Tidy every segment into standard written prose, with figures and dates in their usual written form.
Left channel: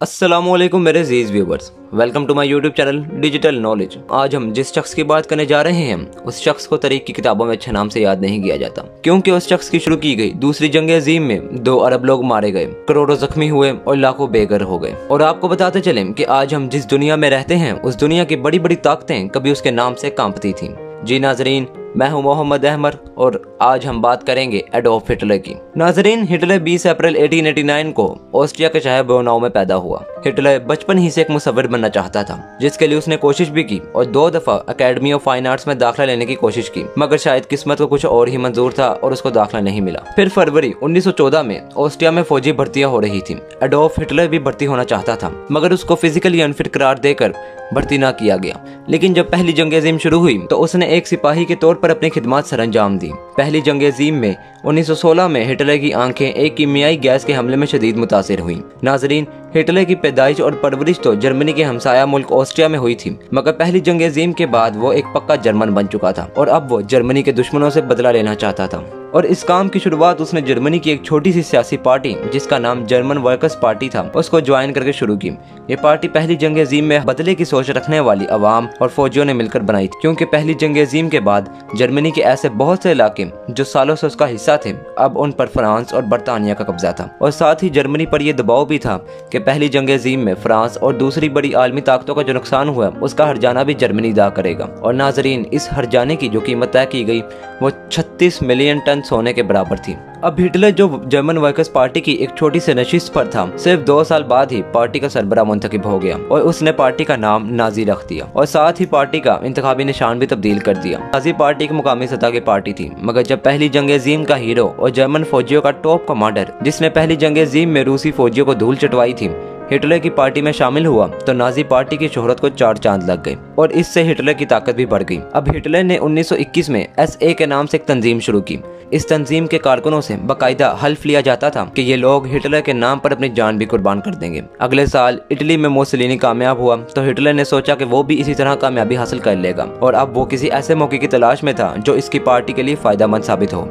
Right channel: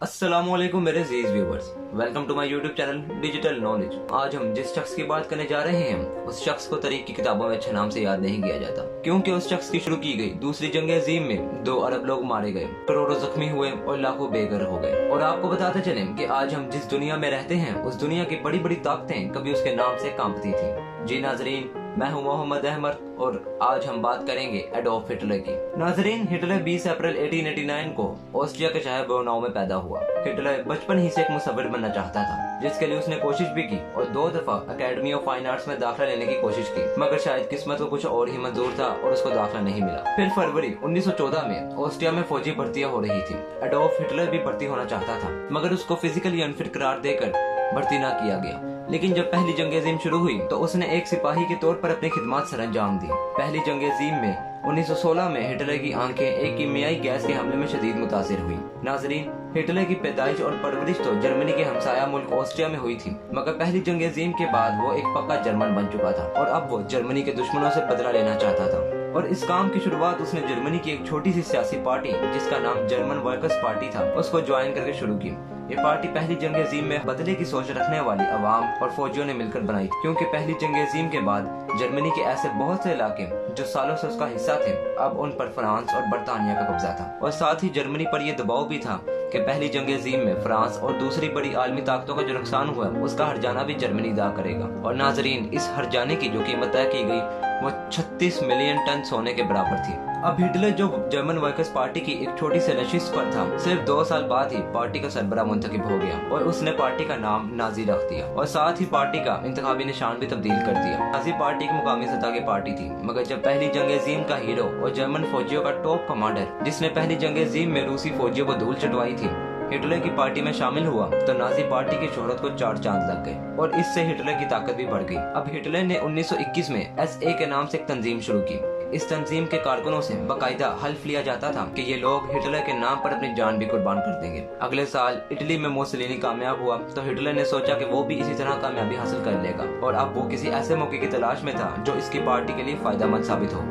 अस्सलामुअलैकुम मेरे अजीज viewers, welcome to my YouTube channel digital knowledge. आज हम जिस शख्स की बात करने जा रहे हैं उस शख्स को तारीख की किताबों में अच्छे नाम से याद नहीं किया जाता, क्योंकि उस शख्स की शुरू की गई दूसरी जंग अजीम में 2 अरब लोग मारे गए, करोड़ों जख्मी हुए और लाखों बेघर हो गए। और आपको बताते चले कि आज हम जिस दुनिया में रहते हैं उस दुनिया की बड़ी बड़ी ताकतें कभी उसके नाम से कांपती थीं। जी नाजरीन, मैं हूं मोहम्मद अहमद और आज हम बात करेंगे एडोल्फ हिटलर की। नाजरीन, हिटलर 20 अप्रैल 1889 को ऑस्ट्रिया के शहर बोनाउ में पैदा हुआ। हिटलर बचपन ही से एक मुसव्विर बनना चाहता था, जिसके लिए उसने कोशिश भी की और 2 दफा अकेडमी ऑफ फाइन आर्ट्स में दाखिला लेने की कोशिश की, मगर शायद किस्मत को कुछ और ही मंजूर था और उसको दाखिला नहीं मिला। फिर फरवरी 1914 में ऑस्ट्रिया में फौजी भर्तियां हो रही थी। एडोल्फ हिटलर भी भर्ती होना चाहता था, मगर उसको फिजिकली अनफिट करार देकर भर्ती ना किया गया। लेकिन जब पहली जंग अजीम शुरू हुई तो उसने एक सिपाही के तौर पर अपनी खिदमत सरअंजाम दी। पहली जंग अजीम में 1916 में हिटलर की आंखें एक कीमियाई गैस के हमले में शदीद मुतासिर हुई। नाजरीन, हिटलर की पैदाइश और परवरिश तो जर्मनी के हमसाया मुल्क ऑस्ट्रिया में हुई थी, मगर पहली जंग अजीम के बाद वो एक पक्का जर्मन बन चुका था और अब वो जर्मनी के दुश्मनों से बदला लेना चाहता था। और इस काम की शुरुआत उसने जर्मनी की एक छोटी सी सियासी पार्टी, जिसका नाम जर्मन वर्कर्स पार्टी था, उसको ज्वाइन करके शुरू की। ये पार्टी पहली जंग अजीम में बदले की सोच रखने वाली अवाम और फौजियों ने मिलकर बनाई थी, क्योंकि पहली जंग अजीम के बाद जर्मनी के ऐसे बहुत से इलाके जो सालों से उसका हिस्सा थे, अब उन पर फ्रांस और बरतानिया का कब्जा था। और साथ ही जर्मनी पर यह दबाव भी था कि पहली जंग अजीम में फ्रांस और दूसरी बड़ी आलमी ताकतों का जो नुकसान हुआ उसका हर्जाना भी जर्मनी अदा करेगा। और नाजरीन, इस हर्जाने की जो कीमत तय की गई वो 36 मिलियन टन सोने के बराबर थी। अब हिटलर जो जर्मन वर्कर्स पार्टी की एक छोटी सी नशिस्त पर था, सिर्फ 2 साल बाद ही पार्टी का सरबराह मुंतखब हो गया और उसने पार्टी का नाम नाजी रख दिया और साथ ही पार्टी का इंतखाबी निशान भी तब्दील कर दिया। नाजी पार्टी एक मुकामी सतह की पार्टी थी, मगर जब पहली जंग अजीम का हीरो और जर्मन फौजियों का टॉप कमांडर, जिसने पहली जंग अजीम में रूसी फौजियों को धूल चटवाई थी, हिटलर की पार्टी में शामिल हुआ तो नाजी पार्टी की शोहरत को 4 चांद लग गए और इससे हिटलर की ताकत भी बढ़ गई। अब हिटलर ने 1921 में SA के नाम से एक तंजीम शुरू की। इस तंजीम के कारकुनों से बाकायदा हल्फ लिया जाता था कि ये लोग हिटलर के नाम पर अपनी जान भी कुर्बान कर देंगे। अगले साल इटली में मुसोलिनी कामयाब हुआ तो हिटलर ने सोचा कि वो भी इसी तरह कामयाबी हासिल कर लेगा और अब वो किसी ऐसे मौके की तलाश में था जो इसकी पार्टी के लिए फायदेमंद साबित हो,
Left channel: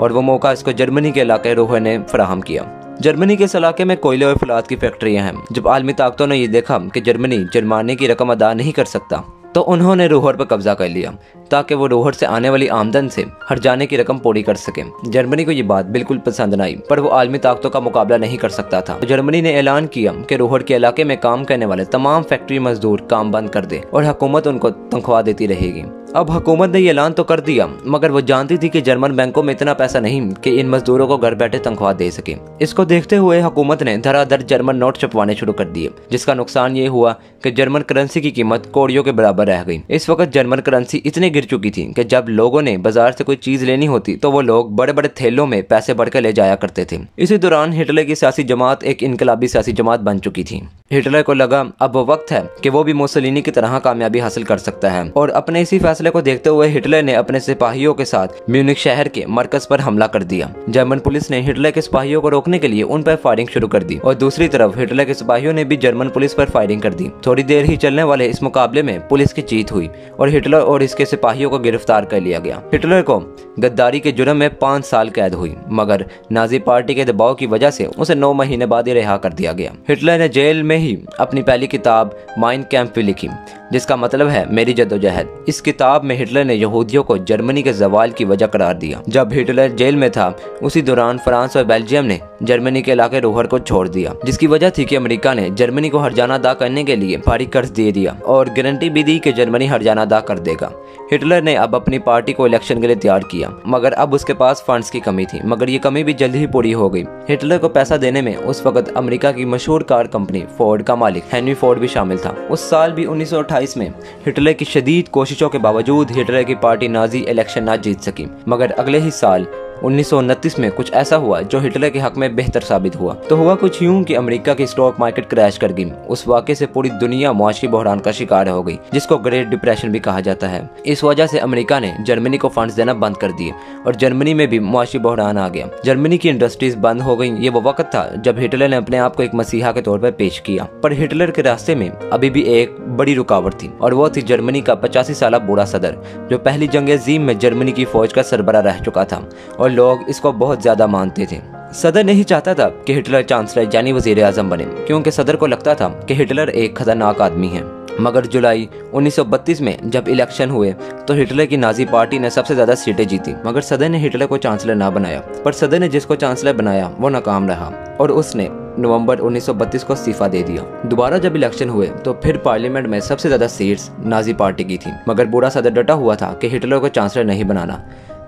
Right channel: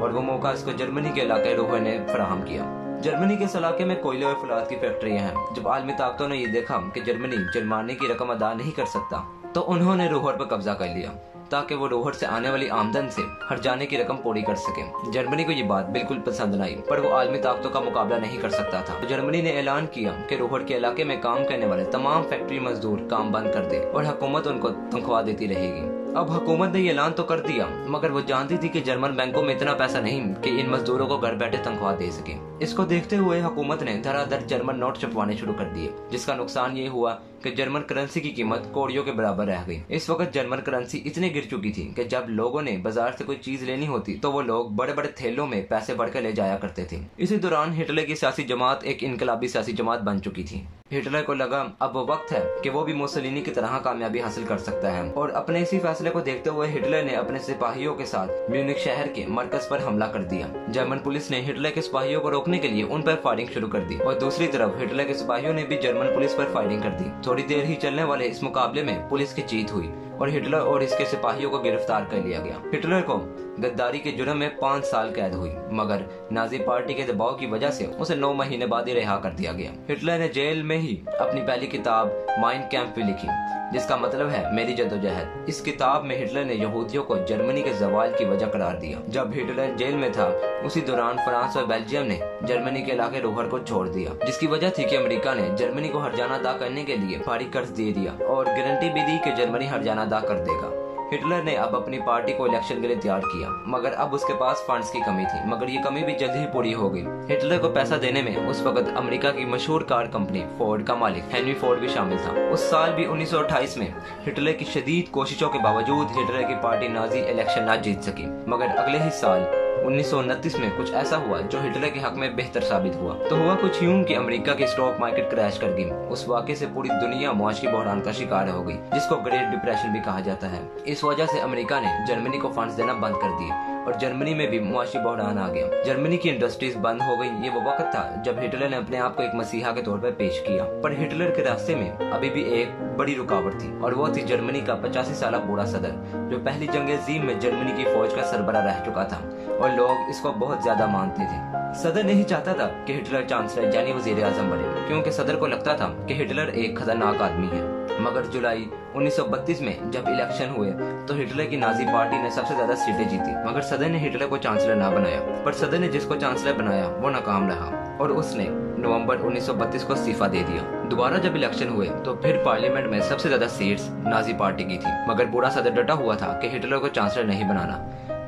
और वो मौका इसको जर्मनी के इलाके रोहे ने फराहम किया। जर्मनी के इस इलाके में कोयले और फलात की फैक्ट्रियां हैं। जब आलमी ताकतों ने ये देखा कि जर्मनी जुर्माने की रकम अदा नहीं कर सकता तो उन्होंने रोहर पर कब्जा कर लिया, ताकि वो रोहर से आने वाली आमदन से हर्जाने की रकम पूरी कर सके। जर्मनी को ये बात बिल्कुल पसंद न आई, पर वो आलमी ताकतों का मुकाबला नहीं कर सकता था। तो जर्मनी ने ऐलान किया कि रोहर के इलाके में काम करने वाले तमाम फैक्ट्री मजदूर काम बंद कर दे और हुकूमत उनको तनख्वाह देती रहेगी। अब हुकूमत ने ये ऐलान तो कर दिया, मगर वो जानती थी कि जर्मन बैंकों में इतना पैसा नहीं कि इन मजदूरों को घर बैठे तनख्वाह दे सके। इसको देखते हुए हुकूमत ने धड़ाधड़ जर्मन नोट छपवाने शुरू कर दिए, जिसका नुकसान ये हुआ कि जर्मन करेंसी की कीमत कौड़ियों के बराबर रह गई। इस वक्त जर्मन करेंसी इतने गिर चुकी थी कि जब लोगों ने बाजार से कोई चीज लेनी होती तो वो लोग बड़े बड़े थैलों में पैसे बढ़कर ले जाया करते थे। इसी दौरान हिटलर की सियासी जमात एक इनकलाबी सियासी जमात बन चुकी थी। हिटलर को लगा अब वो वक्त है कि वो भी मुसोलिनी की तरह कामयाबी हासिल कर सकता है, और अपने इसी फैसले को देखते हुए हिटलर ने अपने सिपाहियों के साथ म्यूनिख शहर के मरकज पर हमला कर दिया। जर्मन पुलिस ने हिटलर के सिपाहियों को रोकने के लिए उन पर फायरिंग शुरू कर दी और दूसरी तरफ हिटलर के सिपाहियों ने भी जर्मन पुलिस पर फायरिंग कर दी। थोड़ी देर ही चलने वाले इस मुकाबले में पुलिस की जीत हुई और हिटलर और इसके सिपाहियों को गिरफ्तार कर लिया गया। हिटलर को गद्दारी के जुर्म में 5 साल कैद हुई, मगर नाजी पार्टी के दबाव की वजह से उसे 9 महीने बाद ही रिहा कर दिया गया। हिटलर ने जेल में ही अपनी पहली किताब माइन कैंप भी लिखी, जिसका मतलब है मेरी जद्दोजहद। इस किताब में हिटलर ने यहूदियों को जर्मनी के जवाल की वजह करार दिया। जब हिटलर जेल में था उसी दौरान फ्रांस और बेल्जियम ने जर्मनी के इलाके रोहर को छोड़ दिया, जिसकी वजह थी कि अमेरिका ने जर्मनी को हर्जाना अदा करने के लिए भारी कर्ज दे दिया और गारंटी भी दी कि जर्मनी हर्जाना अदा कर देगा। हिटलर ने अब अपनी पार्टी को इलेक्शन के लिए तैयार किया, मगर अब उसके पास फंड्स की कमी थी, मगर ये कमी भी जल्द ही पूरी हो गई। हिटलर को पैसा देने में उस वक्त अमेरिका की मशहूर कार कंपनी फोर्ड का मालिक हेनरी फोर्ड भी शामिल था। उस साल भी 1928 में हिटलर की शदीद कोशिशों के बावजूद हिटलर की पार्टी नाजी इलेक्शन ना जीत सकी, मगर अगले ही साल 1929 में कुछ ऐसा हुआ जो हिटलर के हक में बेहतर साबित हुआ। तो हुआ कुछ यूं कि अमेरिका की स्टॉक मार्केट क्रैश कर गई। उस वाक़े से पूरी दुनिया मुआशी बहरान का शिकार हो गई, जिसको ग्रेट डिप्रेशन भी कहा जाता है। इस वजह से अमेरिका ने जर्मनी को फंड्स देना बंद कर दिए और जर्मनी में भी मुआशी बहरान आ गया। जर्मनी की इंडस्ट्रीज बंद हो गई। ये वो वक्त था जब हिटलर ने अपने आप को एक मसीहा के तौर पर पेश किया, पर हिटलर के रास्ते में अभी भी एक बड़ी रुकावट थी और वो थी जर्मनी का 85 साल बूढ़ा सदर, जो पहली जंग अजीम में जर्मनी की फौज का सरबराह रह चुका था और लोग इसको बहुत ज्यादा मानते थे। सदर नहीं चाहता था कि हिटलर चांसलर यानी वजीर आजम बने, क्योंकि सदर को लगता था कि हिटलर एक खतरनाक आदमी है। मगर जुलाई 1932 में जब इलेक्शन हुए तो हिटलर की नाजी पार्टी ने सबसे ज्यादा सीटें जीती, मगर सदर ने हिटलर को चांसलर ना बनाया। पर सदर ने जिसको चांसलर बनाया वो नाकाम रहा और उसने नवंबर 1932 को इस्तीफा दे दिया। दोबारा जब इलेक्शन हुए तो फिर पार्लियामेंट में सबसे ज्यादा सीट्स नाजी पार्टी की थी, मगर बूढ़ा सदर डटा हुआ था कि हिटलर को चांसलर नहीं बनाना।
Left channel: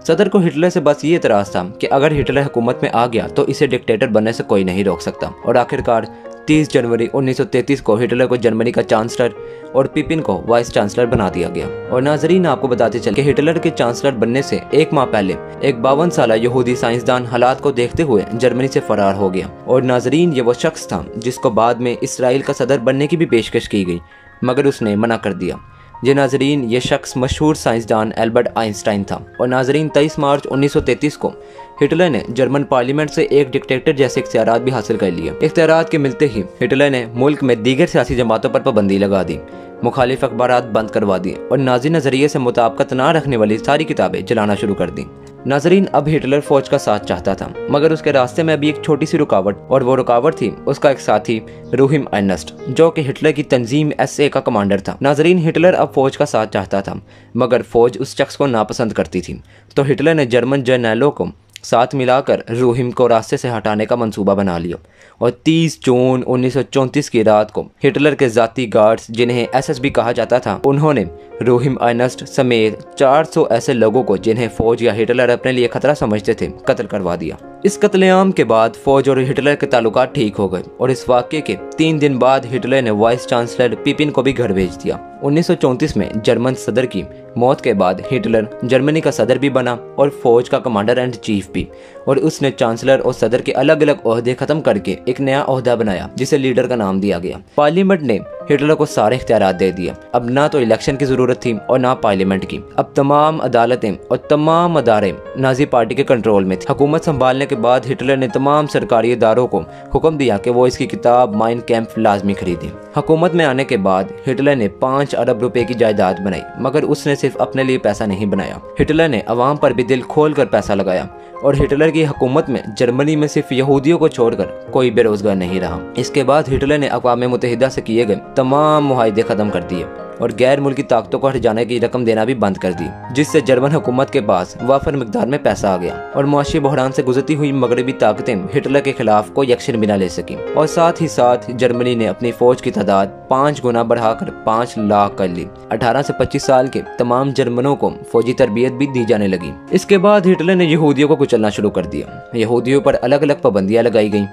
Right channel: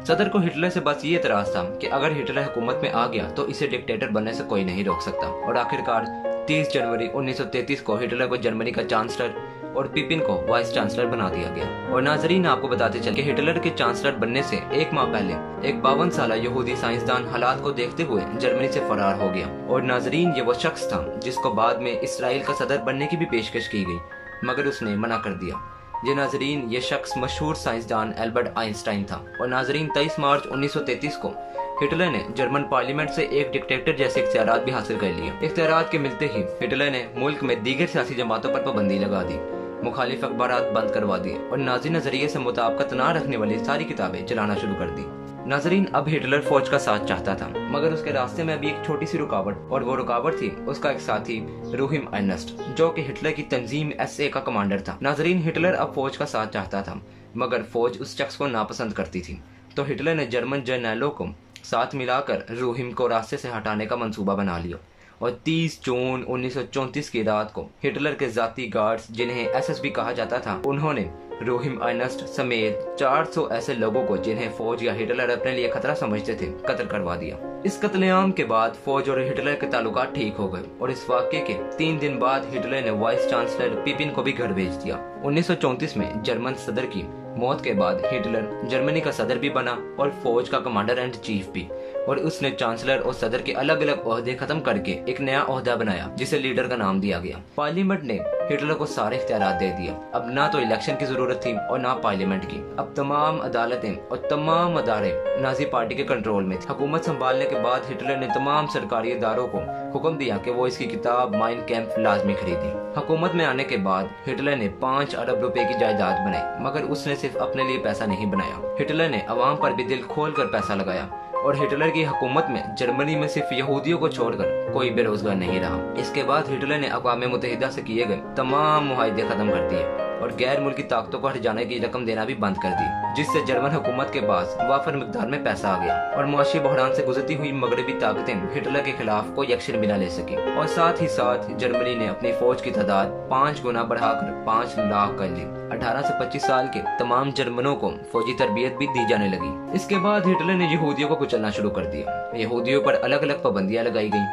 सदर को हिटलर से बस ये एतराज था कि अगर हिटलर हुकूमत में आ गया तो इसे डिक्टेटर बनने से कोई नहीं रोक सकता। और आखिरकार 30 जनवरी 1933 को हिटलर को जर्मनी का चांसलर और पिपिन को वाइस चांसलर बना दिया गया। और नाजरीन, आपको बताते चले कि हिटलर के चांसलर बनने से एक माह पहले एक 52 साल यहूदी साइंसदान हालात को देखते हुए जर्मनी से फरार हो गया। और नाजरीन, ये वो शख्स था जिसको बाद में इसराइल का सदर बनने की भी पेशकश की गई, मगर उसने मना कर दिया। ये नाजरीन, ये शख्स मशहूर साइंसदान एल्बर्ट आइंस्टाइन था। और नाजरीन, 23 मार्च 1933 को हिटलर ने जर्मन पार्लियामेंट से एक डिक्टेटर जैसे इख्तियारात भी हासिल कर लिए। इख्तियारात के मिलते ही हिटलर ने मुल्क में दीगर सियासी जमातों पर पाबंदी लगा दी, मुखालिफ अखबारात बंद करवा दिए और नाजी नजरिए से मुताबिकत न रखने वाली सारी किताबें चलाना शुरू कर दी। नाजरीन, अब हिटलर फौज का साथ चाहता था, मगर उसके रास्ते में अभी एक छोटी सी रुकावट, और वो रुकावट थी उसका एक साथी रूहिम अर्नेस्ट, जो कि हिटलर की तंजीम SA का कमांडर था। नाजरीन, हिटलर अब फौज का साथ चाहता था, मगर फौज उस शख्स को नापसंद करती थी। तो हिटलर ने जर्मन जर्नैलों को साथ मिलाकर रूहिम को रास्ते से हटाने का मंसूबा बना लिया। और 30 जून 1934 की रात को हिटलर के जाती गार्ड्स, जिन्हें SSB कहा जाता था, उन्होंने रूहिम अर्नेस्ट समेत 400 ऐसे लोगों को जिन्हें फौज या हिटलर अपने लिए खतरा समझते थे कत्ल करवा दिया। इस कत्लेआम के बाद फौज और हिटलर के ताल्लुकात ठीक हो गए और इस वाक़े के 3 दिन बाद हिटलर ने वाइस चांसलर पिपिन को भी घर भेज दिया। 1934 में जर्मन सदर की मौत के बाद हिटलर जर्मनी का सदर भी बना और फौज का कमांडर एंड चीफ भी, और उसने चांसलर और सदर के अलग अलग ओहदे खत्म करके एक नया ओहदा बनाया जिसे लीडर का नाम दिया गया। पार्लियामेंट ने हिटलर को सारे इख्तियारात दे दिए। अब ना तो इलेक्शन की जरूरत थी और ना पार्लियामेंट की। अब तमाम अदालतें और तमाम अदारे नाजी पार्टी के कंट्रोल में थे। हुकूमत संभालने के बाद हिटलर ने तमाम सरकारी इदारों को हुक्म दिया कि वो इसकी किताब माइन कैंप लाजमी खरीदें। हुकूमत में आने के बाद हिटलर ने 5 अरब रुपए की जायदाद बनाई, मगर उसने सिर्फ अपने लिए पैसा नहीं बनाया। हिटलर ने अवाम पर भी दिल खोल कर पैसा लगाया और हिटलर की हुकूमत में जर्मनी में सिर्फ यहूदियों को छोड़कर कोई बेरोजगार नहीं रहा। इसके बाद हिटलर ने अक़वाम मुत्तहिदा से किए गए तमाम मुआहदे खत्म कर दिए और गैर मुल्की ताकतों को हट जाने की रकम देना भी बंद कर दी, जिससे जर्मन हुकूमत के पास वाफर मिकदार में पैसा आ गया और मुआशी बहरान से गुजरती हुई मगरबी ताकतें हिटलर के खिलाफ कोई एक्शन भी न ले सकी। और साथ ही साथ जर्मनी ने अपनी फौज की तादाद 5 गुना बढ़ाकर 5 लाख कर ली। 18 से 25 साल के तमाम जर्मनों को फौजी तरबियत भी दी जाने लगी। इसके बाद हिटलर ने यहूदियों को कुचलना शुरू कर दिया। यहूदियों पर अलग अलग पाबंदियां लगाई गई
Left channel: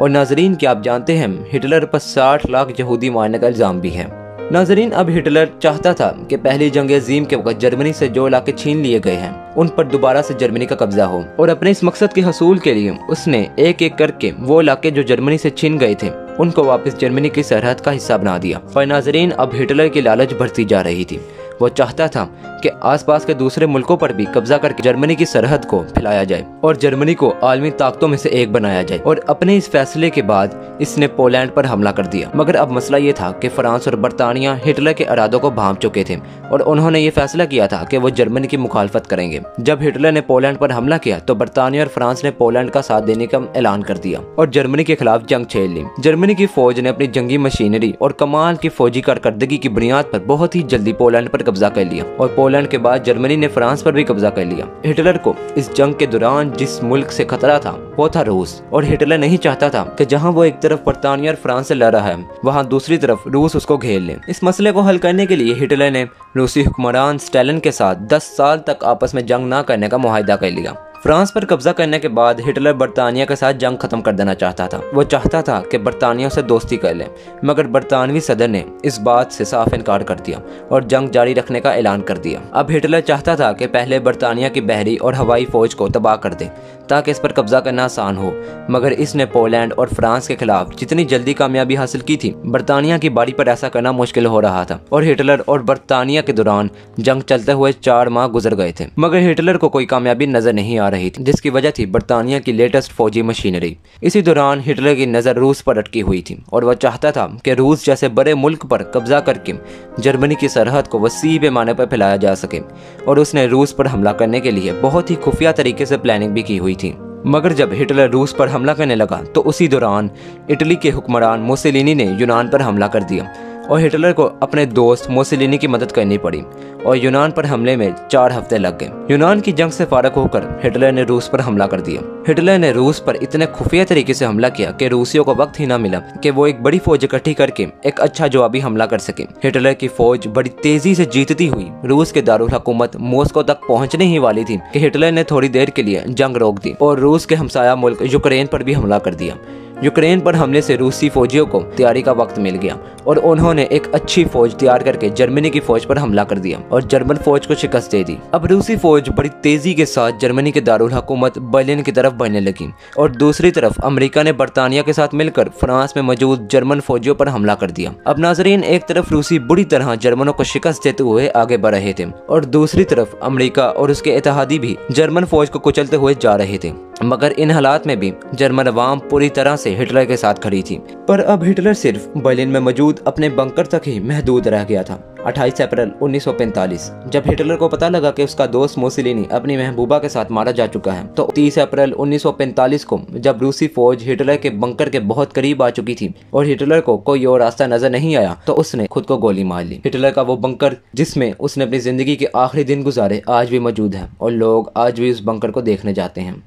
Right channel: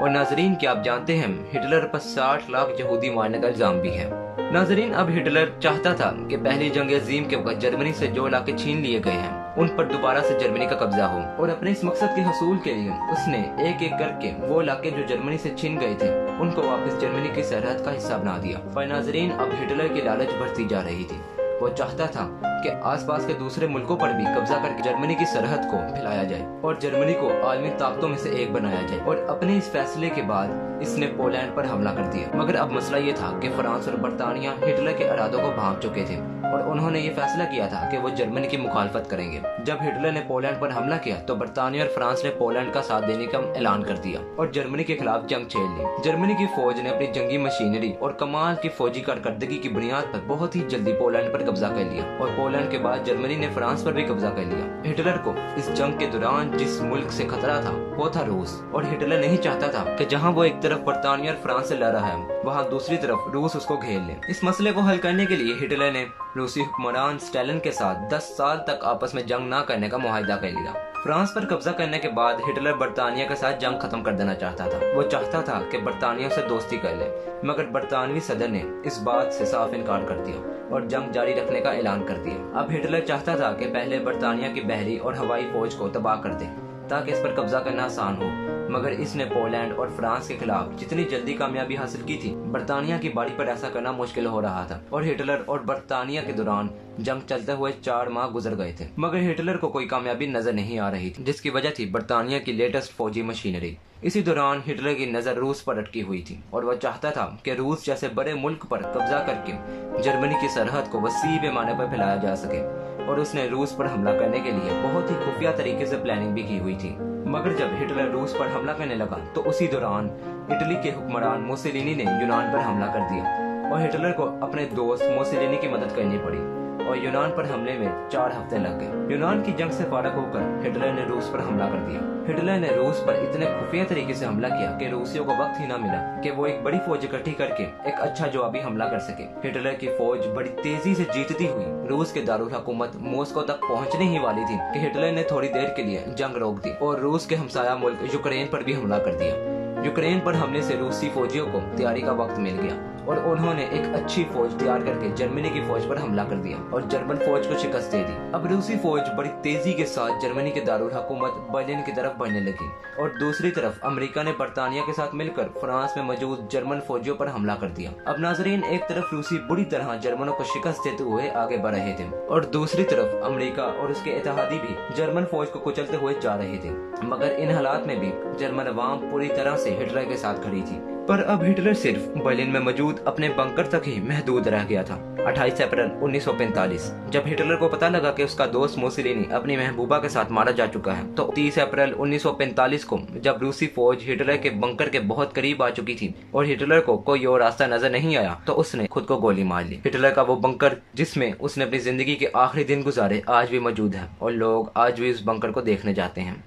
और नाजरीन, क्या आप जानते हैं हिटलर पर 60 लाख यहूदी मारने का इल्जाम भी है। नाजरीन, अब हिटलर चाहता था कि पहली जंग अजीम के वक्त जर्मनी से जो इलाके छीन लिए गए हैं उन पर दोबारा से जर्मनी का कब्जा हो, और अपने इस मकसद के हसूल के लिए उसने एक एक करके वो इलाके जो जर्मनी से छीन गए थे उनको वापस जर्मनी की सरहद का हिस्सा बना दिया। और नाजरीन, अब हिटलर की लालच बढ़ती जा रही थी। वो चाहता था कि आसपास के दूसरे मुल्कों पर भी कब्जा करके जर्मनी की सरहद को फैलाया जाए और जर्मनी को आलमी ताकतों में से एक बनाया जाए। और अपने इस फैसले के बाद इसने पोलैंड पर हमला कर दिया। मगर अब मसला ये था कि फ्रांस और बरतानिया हिटलर के इरादों को भांप चुके थे और उन्होंने ये फैसला किया था कि वो जर्मनी की मुखालफत करेंगे। जब हिटलर ने पोलैंड पर हमला किया तो बरतानिया और फ्रांस ने पोलैंड का साथ देने का ऐलान कर दिया और जर्मनी के खिलाफ जंग छेड़ ली। जर्मनी की फौज ने अपनी जंगी मशीनरी और कमाल की फौजी कारकर्दगी की बुनियाद पर बहुत ही जल्दी पोलैंड पर कब्जा कर लिया और पोलैंड के बाद जर्मनी ने फ्रांस पर भी कब्जा कर लिया। हिटलर को इस जंग के दौरान जिस मुल्क से खतरा था वो था रूस, और हिटलर नहीं चाहता था कि जहां वो एक तरफ बरतानिया और फ्रांस से लड़ रहा है वहां दूसरी तरफ रूस उसको घेर ले। इस मसले को हल करने के लिए हिटलर ने रूसी हुक्मरान स्टालिन के साथ 10 साल तक आपस में जंग न करने का मुआहिदा कर लिया। फ्रांस पर कब्जा करने के बाद हिटलर बरतानिया के साथ जंग खत्म कर देना चाहता था। वो चाहता था कि बरतानिया से दोस्ती कर ले, मगर बरतानवी सदर ने इस बात से साफ इनकार कर दिया और जंग जारी रखने का ऐलान कर दिया। अब हिटलर चाहता था कि पहले बरतानिया की बहरी और हवाई फौज को तबाह कर दे ताकि इस पर कब्जा करना आसान हो, मगर इसने पोलैंड और फ्रांस के खिलाफ जितनी जल्दी कामयाबी हासिल की थी बरतानिया की बारी पर ऐसा करना मुश्किल हो रहा था। और हिटलर और बरतानिया के दौरान जंग चलते हुए 4 माह गुजर गए थे, मगर हिटलर को कोई कामयाबी नजर नहीं आ रही थी, जिसकी वजह थी बरतानिया की लेटेस्ट फौजी मशीनरी। इसी दौरान हिटलर की नजर रूस पर अटकी हुई थी और वह चाहता था कि रूस जैसे बड़े मुल्क पर कब्जा करके जर्मनी की सरहद को वसी पैमाने पर फैलाया जा सके, और उसने रूस पर हमला करने के लिए बहुत ही खुफिया तरीके से प्लानिंग भी की हुई थी। मगर जब हिटलर रूस पर हमला करने लगा तो उसी दौरान इटली के हुक्मरान मुसोलिनी ने यूनान पर हमला कर दिया और हिटलर को अपने दोस्त मुसोलिनी की मदद करनी पड़ी और यूनान पर हमले में 4 हफ्ते लग गए। यूनान की जंग से फारग होकर हिटलर ने रूस पर हमला कर दिया। हिटलर ने रूस पर इतने खुफिया तरीके से हमला किया कि रूसियों को वक्त ही ना मिला कि वो एक बड़ी फौज इकट्ठी करके एक अच्छा जवाबी हमला कर सके। हिटलर की फौज बड़ी तेजी से जीतती हुई रूस के दारुल हुकूमत मॉस्को तक पहुंचने ही वाली थी कि हिटलर ने थोड़ी देर के लिए जंग रोक दी और रूस के हमसाया मुल्क यूक्रेन पर भी हमला कर दिया। यूक्रेन पर हमले से रूसी फौजियों को तैयारी का वक्त मिल गया और उन्होंने एक अच्छी फौज तैयार करके जर्मनी की फौज पर हमला कर दिया और जर्मन फौज को शिकस्त दे दी। अब रूसी फौज बड़ी तेजी के साथ जर्मनी के दारुल हुकूमत बर्लिन की तरफ बढ़ने लगी और दूसरी तरफ अमेरिका ने बरतानिया के साथ मिलकर फ्रांस में मौजूद जर्मन फौजियों पर हमला कर दिया। अब नाजरीन, एक तरफ रूसी बुरी तरह जर्मनों को शिकस्त देते हुए आगे बढ़ रहे थे और दूसरी तरफ अमेरिका और उसके इत्तेहादी भी जर्मन फौज को कुचलते हुए जा रहे थे। मगर इन हालात में भी जर्मन अवाम पूरी तरह से हिटलर के साथ खड़ी थी। पर अब हिटलर सिर्फ बर्लिन में मौजूद अपने बंकर तक ही महदूद रह गया था। 28 अप्रैल 1945 जब हिटलर को पता लगा कि उसका दोस्त मुसोलिनी अपनी महबूबा के साथ मारा जा चुका है, तो 30 अप्रैल 1945 को जब रूसी फौज हिटलर के बंकर के बहुत करीब आ चुकी थी और हिटलर को कोई और रास्ता नजर नहीं आया, तो उसने खुद को गोली मार ली। हिटलर का वो बंकर जिसमें उसने अपनी जिंदगी के आखिरी दिन गुजारे आज भी मौजूद है और लोग आज भी उस बंकर को देखने जाते हैं।